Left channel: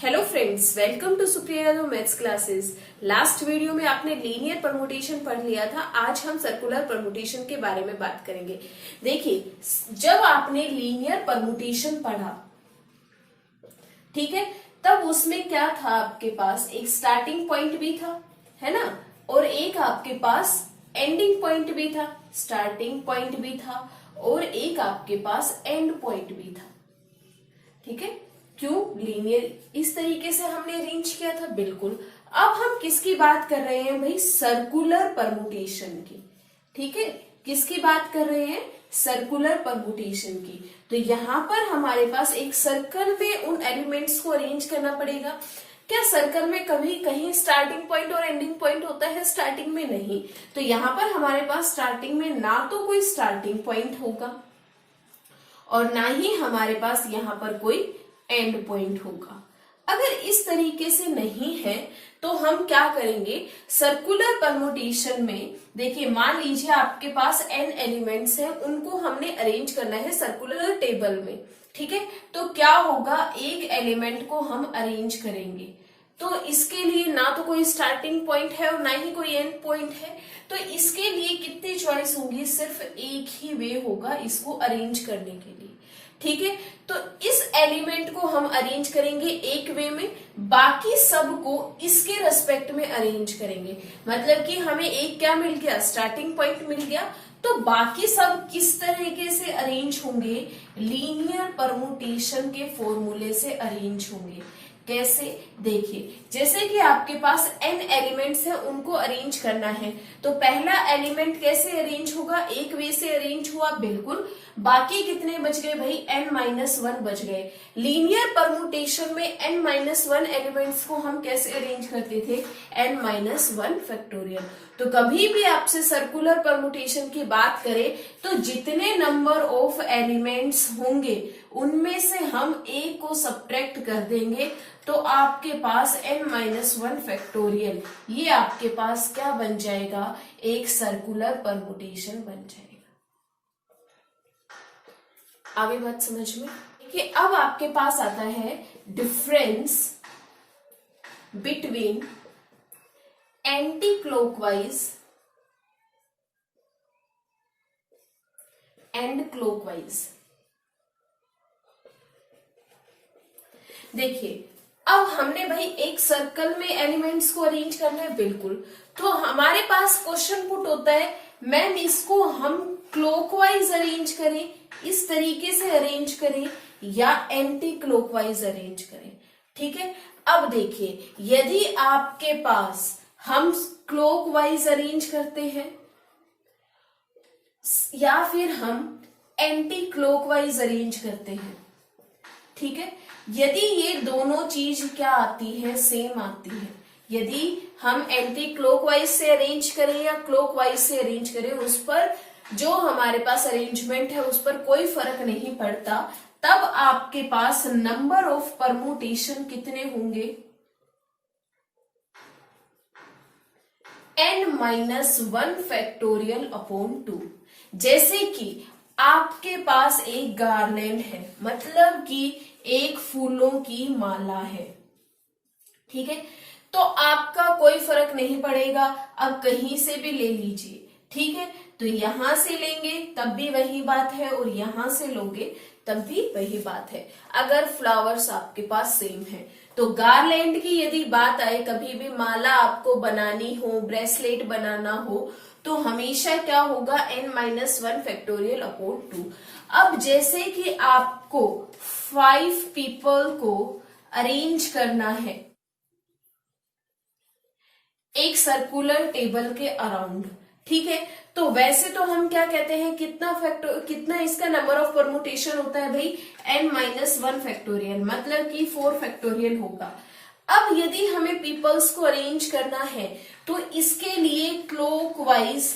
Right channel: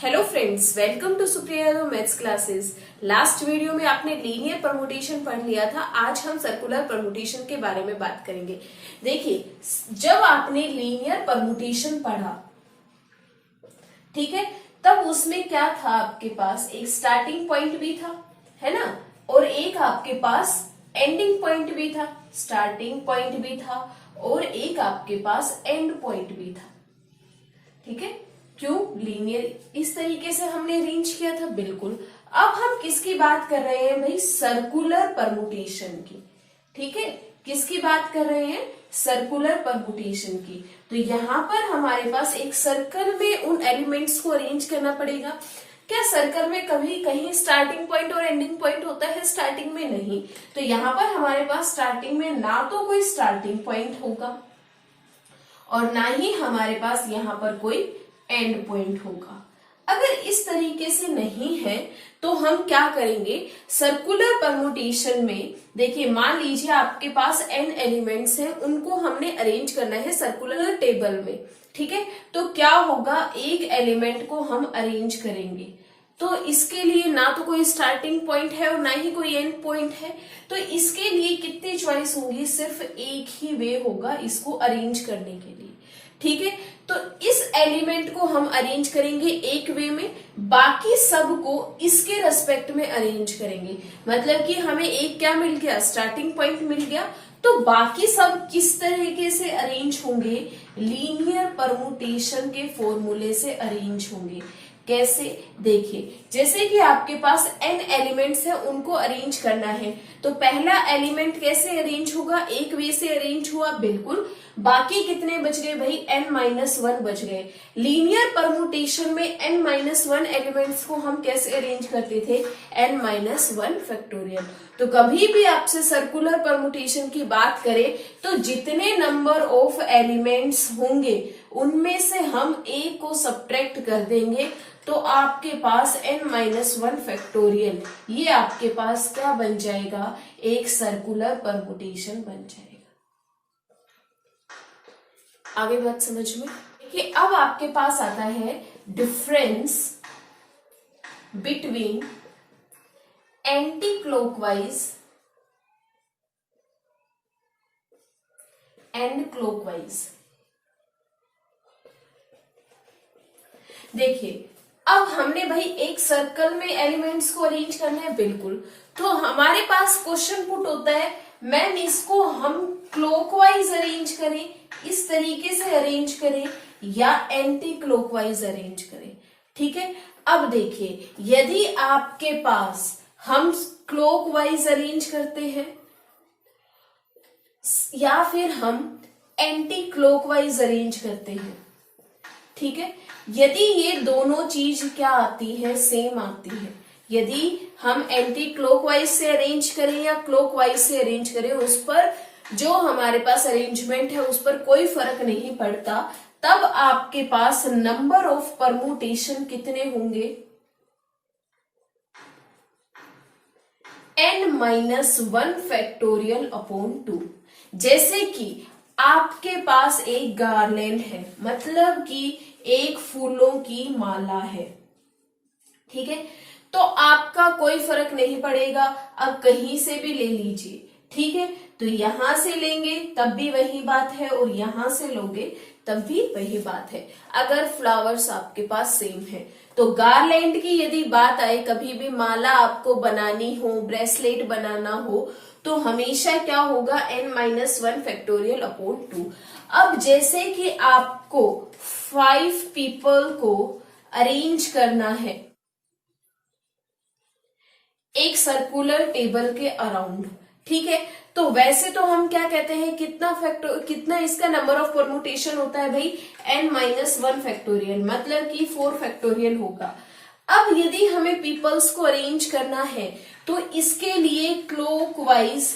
Hello friends, welcome to Supriya Yadav maths classes. Last video में आपने linear permutation पढ़ लिया था। आज हम सर्कुलर परमुटेशन के बारे में बात करेंगे। देखिए, जब आपने लीनियर परमुटेशन पढ़ा, ठीक है, तब उसमें क्या था, आपके पास एक स्टार्टिंग पॉइंट भी था, है ना, और एक आपके पास एंडिंग पॉइंट भी था। स्टार्टिंग पॉइंट भी था और एक आपके पास एंड पॉइंट भी था। ठीक है, क्यों? लीनियर इस तरीके से हमने अरेंज किया था। बिल्कुल। अब हम किसकी बात कर रहे हैं भाई? सर्कुलर परमुटेशन की। ठीक है, किसकी बात कर रहे हैं? सर्कुलर परमुटेशन की। तो यहां पर हमारे पास एक सर्कल में उन एलिमेंट्स को अरेंज करना पड़ेगा। क्या सर्कल में कभी कहीं स्टार्टिंग पॉइंट और एंडिंग पॉइंट होता है? स्टार्टिंग में नहीं। तो यहां पर हमारे पास स्टार्टिंग में ना तो कोई स्टार्टिंग पॉइंट होगा और ना ही हमारे पास यहां पर कोई एंड पॉइंट होगा। अगर इस तरीके से नहीं है तो हम क्या करेंगे? सर्कुलर परमुटेशन में देखिए, मान लीजिए आपके पास n एलिमेंट्स हैं, उनको हमने अरेंज करना है सर्कुलर टेबल में। ठीक है, तो क्या होगा? एक एलिमेंट को हम अरेंज करेंगे तो इसके लिए ना तो कोई स्टार्टिंग पॉइंट है और ना ही कोई एंड पॉइंट है। तो इसके लिए कितनी चॉइस होंगी? सिर्फ एक ही वे होगा इसको अरेंज करने के लिए। ठीक है, तो इस एलिमेंट को हम अरेंज करेंगे एक वे में, बाकी सब को इसके रेस्पेक्ट में अरेंज करेंगे। मतलब कि हमें एक क्या मिल गया? स्टार्टिंग पॉइंट मिल गया। तो बाकी सब किस तरीके से अरेंज होंगे? लीनियर परमुटेशन के फॉर्मूले से अरेंज होंगे। कैसे? देखिए, जैसे कि आपके पास n एलिमेंट्स हैं, उनको अरेंज करना है, तो पहला एलिमेंट कैसे अरेंज होगा? एक वे से अरेंज हुआ, बिल्कुल। बाकी कितने बच गए भाई? n-1 बच गए। लीनियर परमुटेशन में n-1 एलिमेंट्स को हम कैसे अरेंज करते थे? n-1 factorial. तो कभी भी आपसे सर्कुलर परमुटेशन की बात करें तो जितने नंबर ऑफ एलिमेंट्स होंगे उनमें से हम a को सब्ट्रैक्ट कर देंगे, तो आपके पास n-1 फैक्टोरियल, ये आपके पास क्या बन जाएगा? एक सर्कुलर परमुटेशन बन जाएगा। आगे बात समझ में? देखिए, अब आपके पास आता है difference between anti clockwise and clockwise. देखिए, अब हमने भाई एक सर्कल में एलिमेंट्स को अरेंज करना है, बिल्कुल। तो हमारे पास क्वेश्चन पुट होता है, मैम इसको हम क्लॉकवाइज अरेंज करें, इस तरीके से अरेंज करें, या एंटी क्लॉकवाइज अरेंज करें। ठीक है, अब देखिए, यदि आपके पास हम क्लॉकवाइज अरेंज करते हैं या फिर हम एंटी क्लॉकवाइज अरेंज करते हैं, ठीक है, यदि ये दोनों चीज क्या आती है? सेम आती है। यदि हम एंटी क्लॉकवाइज से अरेंज करें या क्लॉकवाइज से अरेंज करें, उस पर जो हमारे पास अरेंजमेंट है उस पर कोई फर्क नहीं पड़ता। तब आपके पास नंबर ऑफ परमुटेशन कितने होंगे? n-1 factorial upon 2। जैसे कि आपके पास एक गार्लैंड है, मतलब कि एक फूलों की माला है। ठीक है, तो आपका कोई फर्क नहीं पड़ेगा, अब कहीं से भी ले लीजिए। ठीक है, तो यहां से लेंगे तब भी वही बात है और यहां से लोगे तब भी वही बात है, अगर फ्लावर्स आपके पास सेम है। तो गार्लैंड की यदि बात आए, कभी भी माला आपको बनानी हो, ब्रेसलेट बनाना हो, तो हमेशा क्या होगा? n-1 factorial upon 2। अब जैसे कि आपको 5 पीपल को अरेंज करना है एक सर्कुलर टेबल के अराउंड, ठीक है, तो वैसे तो हम क्या कहते हैं, कितना इसका नंबर ऑफ परमुटेशन होता है भाई? n-1 फैक्टोरियल, मतलब कि 4 फैक्टोरियल होगा। अब यदि हमें पीपल्स को अरेंज करना है तो इसके लिए क्लॉकवाइज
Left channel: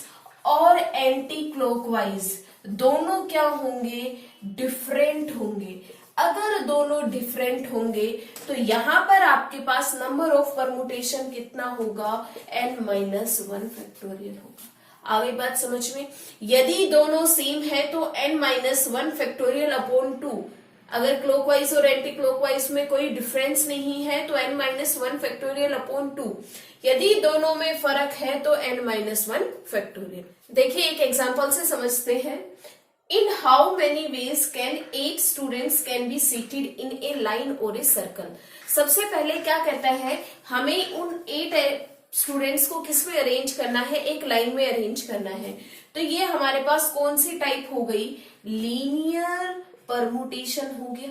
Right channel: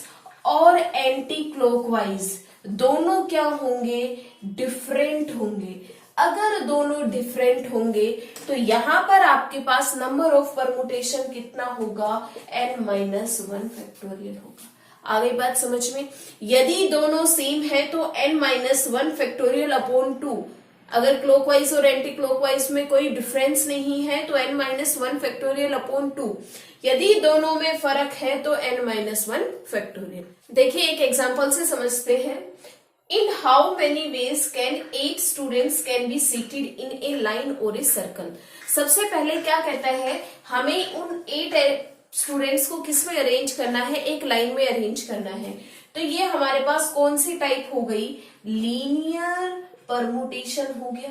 और एंटी क्लॉकवाइज दोनों क्या होंगे? डिफरेंट होंगे। अगर दोनों डिफरेंट होंगे तो यहां पर आपके पास नंबर ऑफ परमुटेशन कितना होगा? n-1 फैक्टोरियल होगा। आगे बात समझ में? यदि दोनों सेम है तो n-1 फैक्टोरियल अपॉन 2 अगर क्लॉकवाइज और एंटी क्लॉकवाइज में कोई डिफरेंस नहीं है तो n minus one factorial upon 2। यदि दोनों में फर्क है तो n माइनस वन फैक्टोरियल। देखिए एक एग्जांपल से समझते हैं। इन how many ways can 8 students can be seated in A line और ए सर्कल। सबसे पहले क्या कहता है, हमें उन 8 स्टूडेंट्स को किस में अरेंज करना है, एक लाइन में अरेंज करना है। तो ये हमारे पास कौन सी टाइप हो गई, लीनियर परमुटेशन हो गया।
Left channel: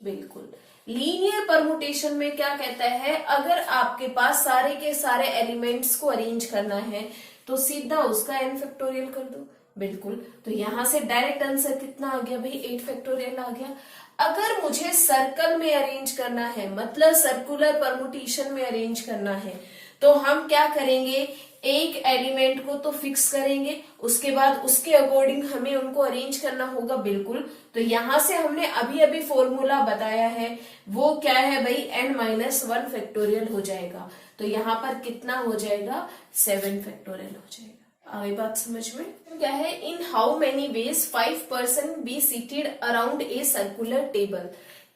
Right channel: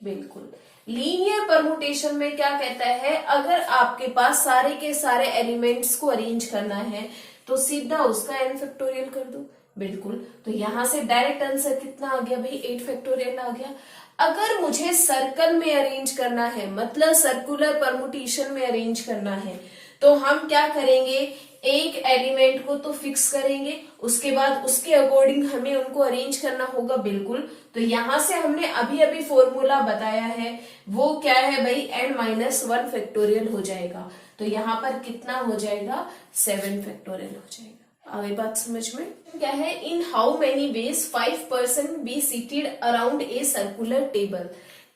बिल्कुल, लीनियर परमुटेशन में क्या कहता है, अगर आपके पास सारे के सारे एलिमेंट्स को अरेंज करना है तो सीधा उसका n फैक्टोरियल कर दो। बिल्कुल, तो यहां से डायरेक्ट आंसर कितना आ गया भाई, 8 फैक्टोरियल आ गया। अगर मुझे सर्कल में अरेंज करना है, मतलब सर्कुलर परमुटेशन में अरेंज करना है, तो हम क्या करेंगे, एक एलिमेंट को तो फिक्स करेंगे, उसके बाद उसके अकॉर्डिंग हमें उनको अरेंज करना होगा। बिल्कुल, तो यहां से हमने अभी अभी फॉर्मूला बताया है, वो क्या है भाई, n माइनस वन फैक्टोरियल हो जाएगा। तो यहाँ पर कितना हो जाएगा, 7 फैक्टोरियल हो जाएगा। आई बात समझ में? क्या है, in how many veg 5 person be seated around a circular table.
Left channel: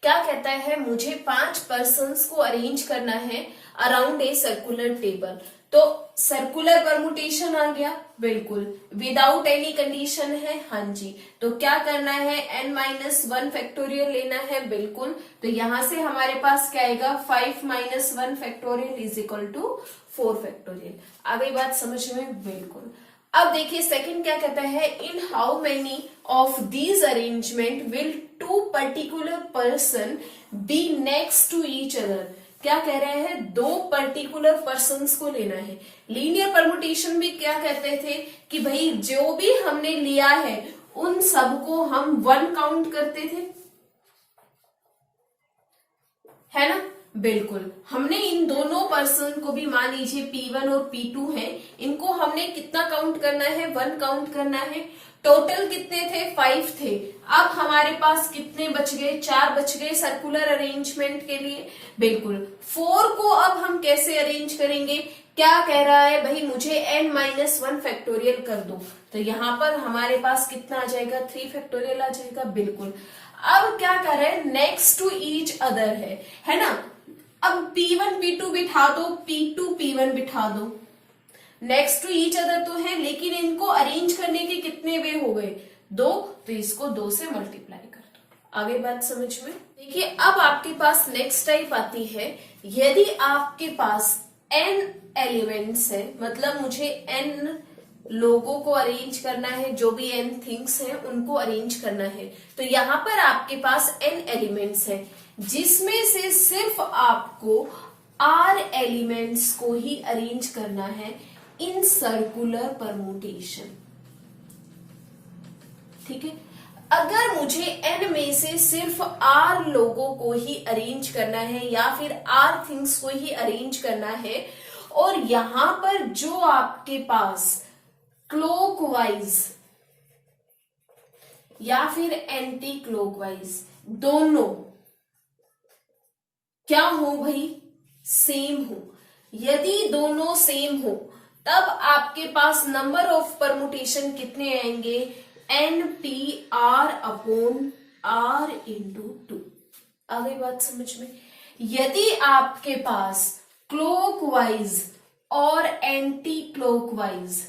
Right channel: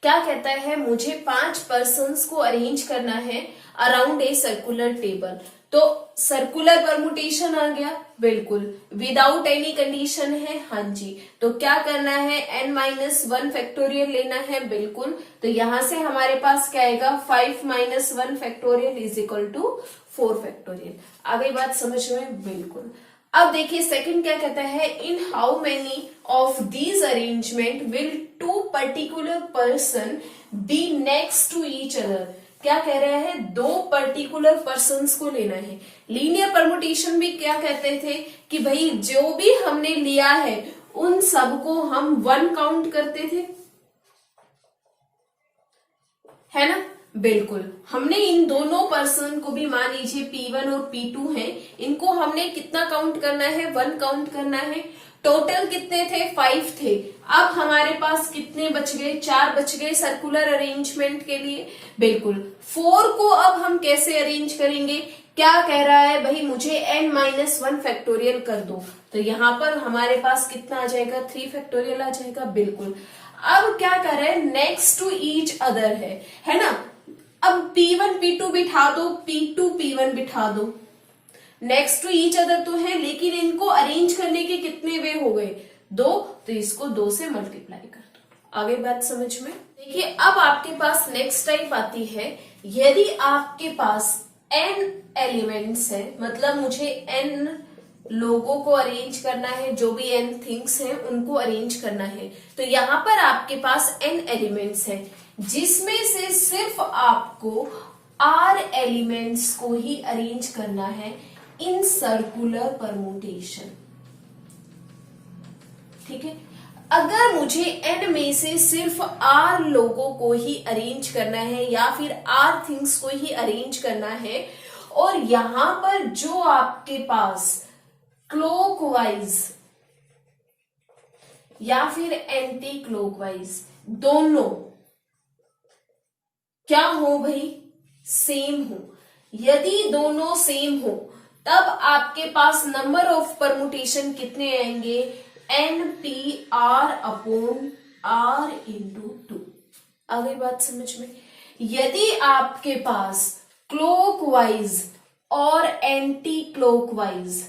क्या कहता है, मुझे 5 पर्सन्स को अरेंज करना है अराउंड ए सर्कुलर टेबल। तो सर्कुलर परमुटेशन आ गया, बिल्कुल, विदाउट एनी कंडीशन है, हाँ जी। तो क्या करना है, n माइनस वन फैक्टोरियल लेना है, बिल्कुल। तो यहां से हमारे पास क्या आएगा, 5 minus one factorial is equal to 4 factorial. आ गई बात समझ में? बिल्कुल। अब देखिए सेकंड क्या कहता है, in how many of these arrangement will 2 particular person be next to each other. क्या कह रहे हैं, 2 पर्टिकुलर पर्सन्स को लेना है। लीनियर परमुटेशन में क्या कहते थे कि भाई जो भी हमने लिया है उन सबको हम 1 काउंट करते थे, है ना। बिल्कुल, हमने इन दोनों पर्सन को भी, मान लीजिए P1 और P2 हैं, इनको हमने कितना काउंट करना है, 1 काउंट करना है। टोटल कितने थे, 5 थे। अब हमारे पास कितने बच गए, 4 बच गए सर्कुलर अरेंजमेंट के लिए। बिल्कुल, 4 को अब हम कैसे अरेंज करेंगे, क्या कह रहा है भाई, मुझे n माइनस वन फैक्टोरियल कर दो। तो यहाँ पर हमारे पास कितना आ जाएगा, 3 फैक्टोरियल आ जाएगा। बिल्कुल, अब क्या कर रहे हैं, नेक्स्ट टू ईच अदर है ना। अब P1 P2 बिठा दो, P2 P1 बिठा दो, नेक्स्ट टू ईच अदर तो है, लेकिन इनको अरेंज करने के कितने वे हो गए, 2। तो इसको 2 से मल्टीप्लाई कर दो। आगे बात समझ में? देखिए अब आपके पास नेक्स्ट टाइप आती है, यदि आपके पास n एलिमेंट्स है, मतलब मुझे n लोगों को अरेंज करना है, जो भी n थिंग्स हैं उनको अरेंज करना है। तो यहाँ पर आपके पास n एलिमेंट्स है, जिसमें से सिर्फ आपको r एलिमेंट्स को ही अरेंज करना है इन सर्कुलर परमुटेशन। ठीक है, अगर मुझे n में से सिर्फ r लोगों को ही अरेंज करना है या फिर r थिंग्स को ही अरेंज करना है, और यहां पर जो आपके पास क्लॉकवाइज या फिर एंटी क्लॉकवाइज दोनों क्या हो भाई, सेम हो। यदि दोनों सेम हो तब आपके पास नंबर ऑफ परमुटेशन कितने आएंगे, NPR अपॉन R इंटू 2। आ गई बात समझ में? यदि आपके पास क्लॉकवाइज और एंटी क्लॉकवाइज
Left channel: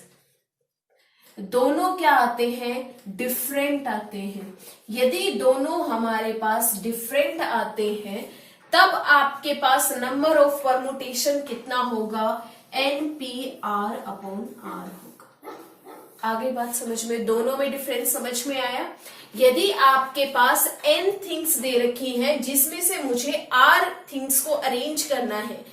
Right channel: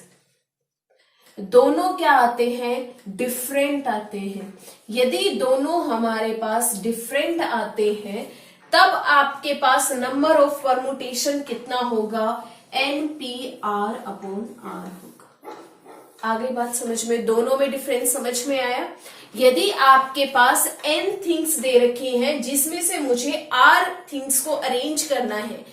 दोनों क्या आते हैं, डिफरेंट आते हैं, यदि दोनों हमारे पास डिफरेंट आते हैं तब आपके पास नंबर ऑफ परमुटेशन कितना होगा, NPR अपॉन R होगा। आगे बात समझ में? दोनों में डिफरेंस समझ में आया। यदि आपके पास n थिंग्स दे रखी हैं जिसमें से मुझे r थिंग्स को अरेंज करना है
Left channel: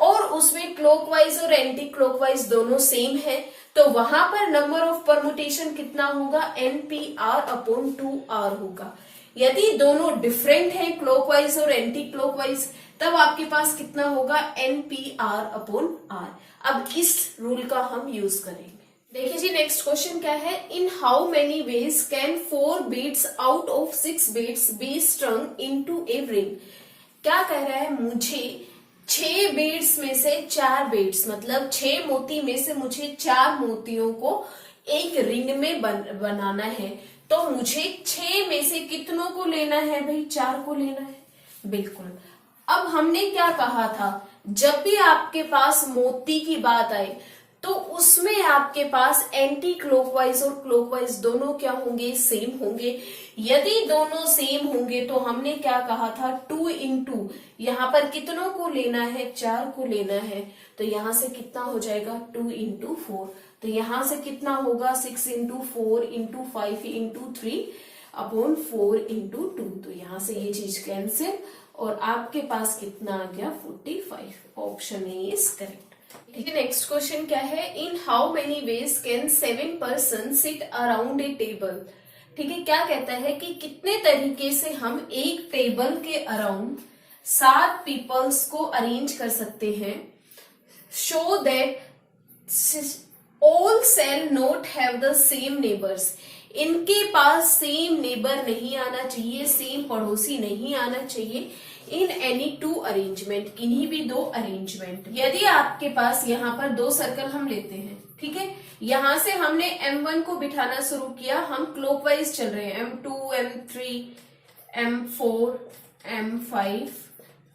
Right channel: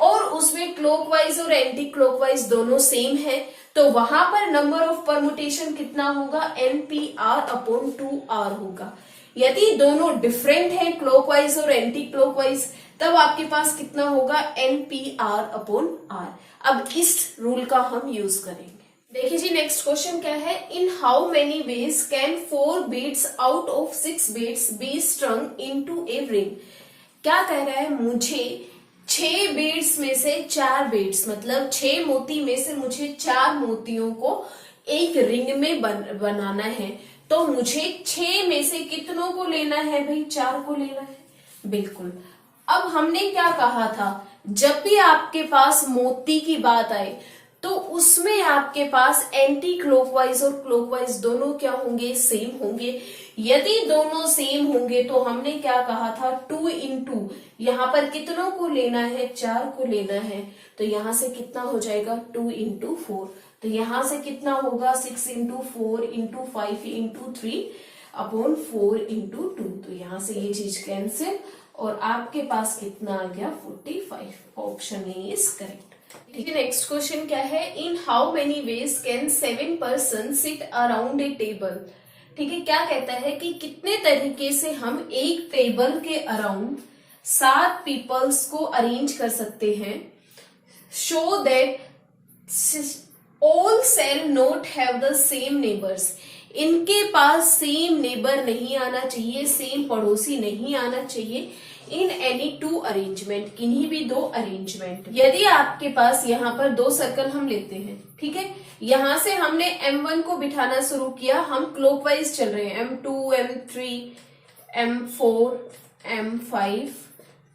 और उसमें क्लॉकवाइज और एंटी क्लॉकवाइज दोनों सेम है, तो वहां पर नंबर ऑफ परमुटेशन कितना होगा, NPR अपॉन 2R होगा। यदि दोनों डिफरेंट हैं, क्लॉकवाइज और एंटी क्लॉकवाइज, तब आपके पास कितना होगा, NPR अपॉन R। अब इस रूल का हम यूज करेंगे। देखिए जी नेक्स्ट क्वेश्चन क्या है, in how many ways can 4 beads out of 6 beads be strung into a ring. क्या कह रहा है, मुझे 6 बीड्स में से 4 बीड्स, मतलब 6 मोती में से मुझे 4 मोतियों को एक रिंग में बनाना है। तो मुझे 6 में से कितनों को लेना है भाई? 4 को लेना है। बिल्कुल। अब हमने क्या कहा था, जब भी आपके पास मोती की बात आए तो उसमें आपके पास एंटी क्लॉकवाइज और क्लॉकवाइज दोनों क्या होंगे? सेम होंगे। यदि दोनों सेम होंगे तो हमने क्या कहा था, 2 into, यहाँ पर कितनों को लेना है? 4 को लेना है। तो यहाँ से कितना हो जाएगा? 2 into 4। तो यहाँ से कितना होगा? 6 into 4 into 5 into 3 upon 4 into 2। तो यहाँ से ये चीज कैंसिल और आपके पास कितना आ गया? 45। Option A is correct. ठीक है, नेक्स्ट क्वेश्चन क्या है? In how many ways can 7 person sit around a table? ठीक है, क्या कहता है कि कितने तरीके से हम एक टेबल के अराउंड 7 पीपल्स को अरेंज कर सकते हैं। Show that all shall not have the same neighbours. इनके पास सेम नेबर नहीं आना चाहिए, सेम पड़ोसी नहीं आना चाहिए इन एनी 2 अरेंजमेंट, किन्हीं भी 2 अरेंजमेंट। यदि आपके पास यहाँ पर 2 सर्कल हम लेते हैं, ठीक है, यहां से हमने M1 को बिठाना शुरू किया, हम क्लॉकवाइज चल रहे हैं, M2, M3, M4, M5,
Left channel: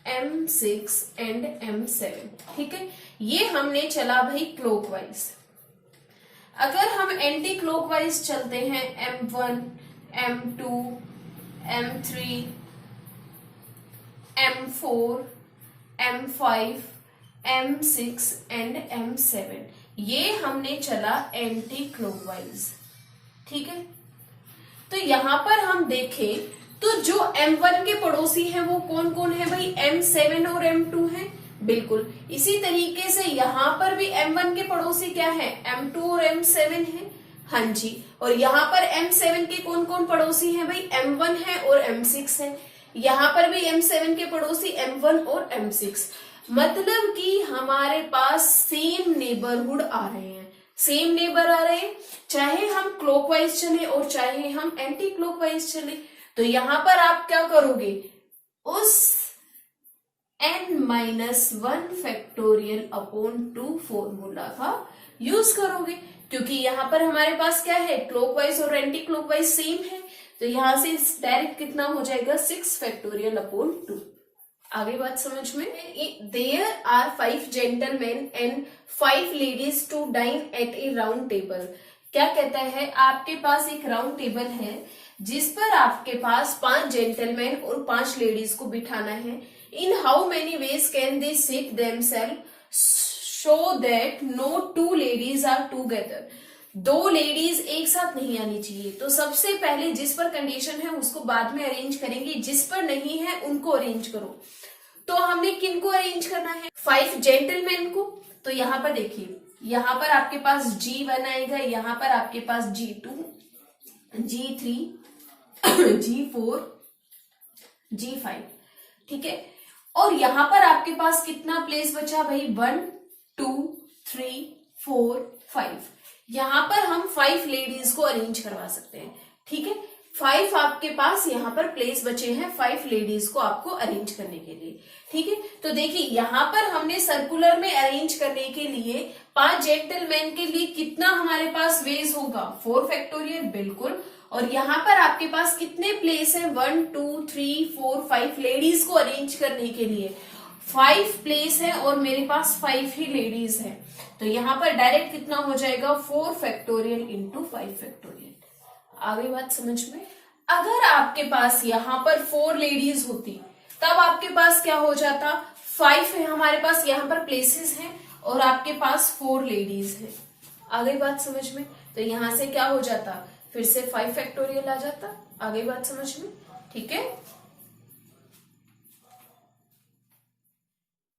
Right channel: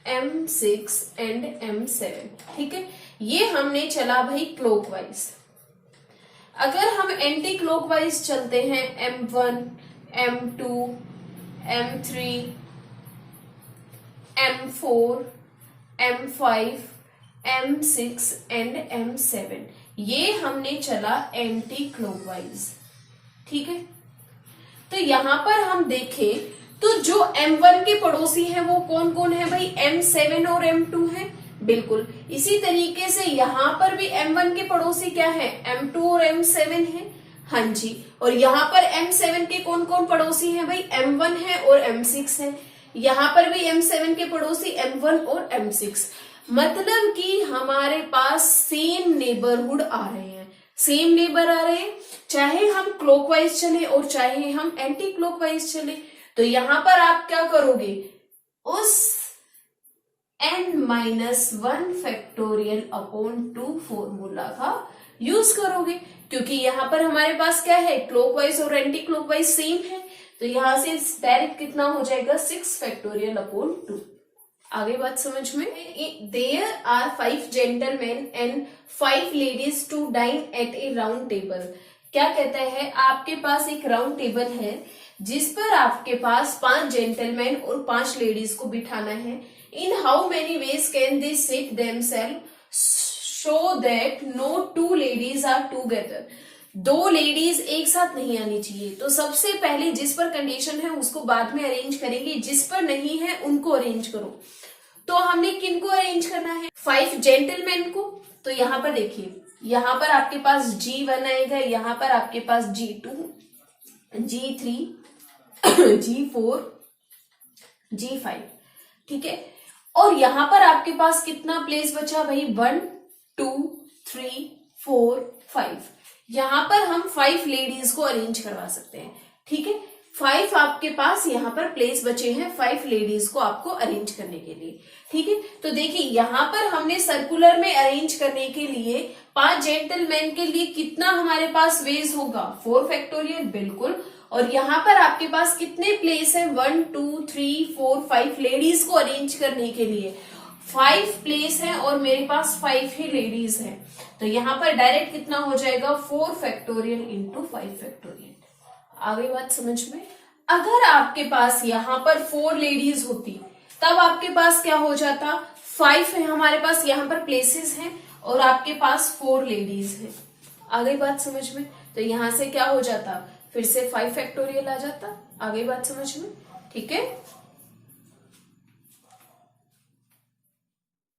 M6 and M7। ठीक है, ये हमने चला भाई क्लॉकवाइज। अगर हम एंटी क्लॉकवाइज चलते हैं, M1, M2, M3, M4, M5, M6 and M7, ये हमने चला एंटी क्लॉकवाइज। ठीक है, तो यहां पर हम देखें तो जो M1 के पड़ोसी हैं वो कौन कौन है भाई? M7 और M2 है। बिल्कुल इसी तरीके से यहां पर भी M1 के पड़ोसी क्या है? M2 और M7 है। हाँ जी, और यहाँ पर M7 के कौन कौन पड़ोसी हैं भाई? M1 है और M6 है। यहाँ पर भी M7 के पड़ोसी M1 और M6, मतलब कि हमारे पास सेम नेबरहुड आ रहे हैं, सेम नेबर आ रहे हैं, चाहे हम क्लॉकवाइज चले और चाहे हम एंटी क्लॉकवाइज चले। तो यहां पर आप क्या करोगे? उस n-1 फैक्टोरियल अपॉन 2 फॉर्मूला का यूज करोगे, क्योंकि यहाँ पर हमारे पास क्या है? क्लॉकवाइज और एंटी क्लॉकवाइज सेम है। तो यहां से डायरेक्ट कितना हो जाएगा? 6 फैक्टोरियल अपॉन 2। आगे बात समझ में? There are 5 gentleman and 5 ladies to dine at a round table. क्या कहता है? आपके पास एक राउंड टेबल है जिस पर आपके पास 5 जेंटलमैन और 5 लेडीज को बिठाना है। In how many ways can they sit themselves? Show that no 2 ladies are together. 2 ladies एक साथ नहीं आनी चाहिए। तो सबसे पहले जिस पर कंडीशन है उसको बाद में अरेंज करेंगे, जिस पर नहीं है उनको अरेंज करो। तो हमने किनको अरेंज करना है? 5 जेंटलमैन को। तो यहाँ पर देखिए, यहाँ पर आपके पास G1 आएगा, यहाँ पर आपके पास G2, G3, G4, G5। ठीक है, और यहाँ पर आपके पास कितना प्लेस बचा भाई? 1, 2, 3, 4, 5। यहाँ पर हम 5 लेडीज को अरेंज करवा सकते हैं। ठीक है, 5 आपके पास यहाँ पर प्लेस बचे हैं 5 लेडीज को आपको अरेंज करने के लिए। ठीक है, तो देखिए यहाँ पर हमने सर्कुलर में अरेंज करने के लिए 5 जेंटलमैन के लिए कितना हमारे पास वेज होगा? 4 फैक्टोरियल। बिल्कुल, और यहाँ पर आपके पास कितने प्लेस है? 1, 2, 3, 4, 5 लेडीज को अरेंज करने के लिए 5 प्लेस है और मेरे पास 5 ही लेडीज है। तो यहाँ पर डायरेक्ट कितना हो जाएगा? 4 फैक्टोरियल इंटू 5 फैक्टोरियल। आगे बात समझ में? अगर आपके पास यहाँ पर 4 लेडीज होती तब आपके पास क्या हो जाता? 5 है हमारे पास यहाँ पर प्लेसेस हैं और आपके पास 4 लेडीज है। आगे बात समझ में? तो यहाँ से क्या हो जाता? फिर से 5 फैक्टोरियल आ जाता। आगे बात समझ में? ठीक है।